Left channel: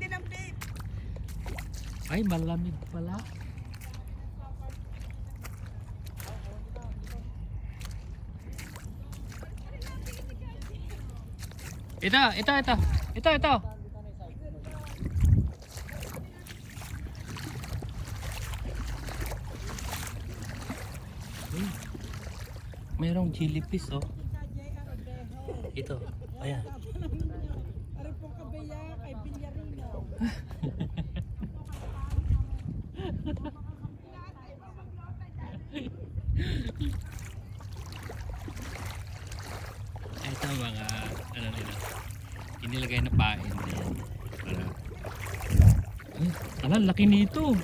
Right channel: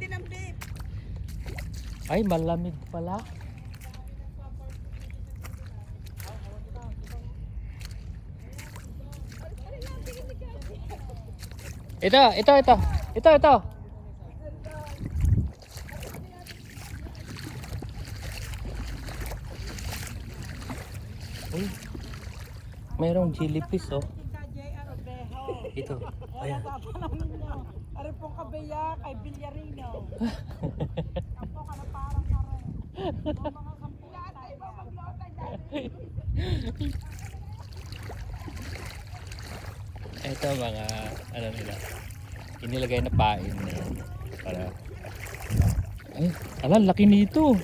din ang beef. Ay, malamig pala. Ito. Uy, merong jellyfish oh. Ito, ayan. Ari pong kabayak ay bilyarino. Ito mga ano nila. Inilagay na pain na yan. Para ay, ala, laki nito.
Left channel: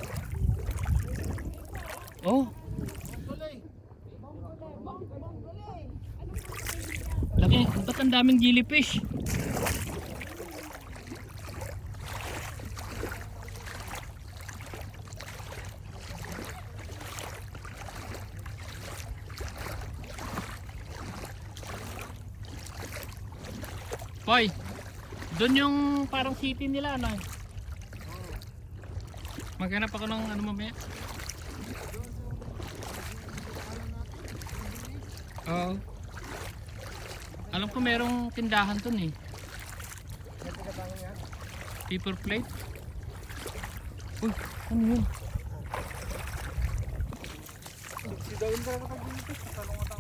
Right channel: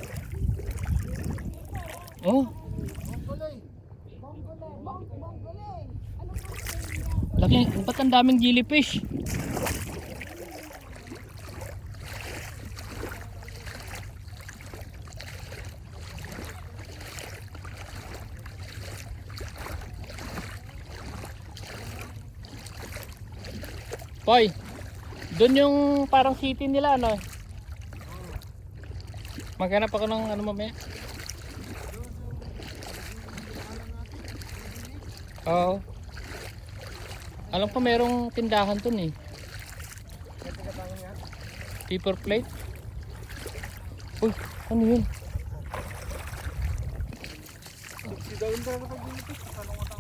Oh. Laki, ba't ang daming jellyfish? Koy, doon yung parang city nila ano? Maghanap ako ng ano mamaya. Oo. Alam ko merong tindahan dun eh. Paper plate. Uy, ano yun? Si Dawin ba kapag dito? Sa talong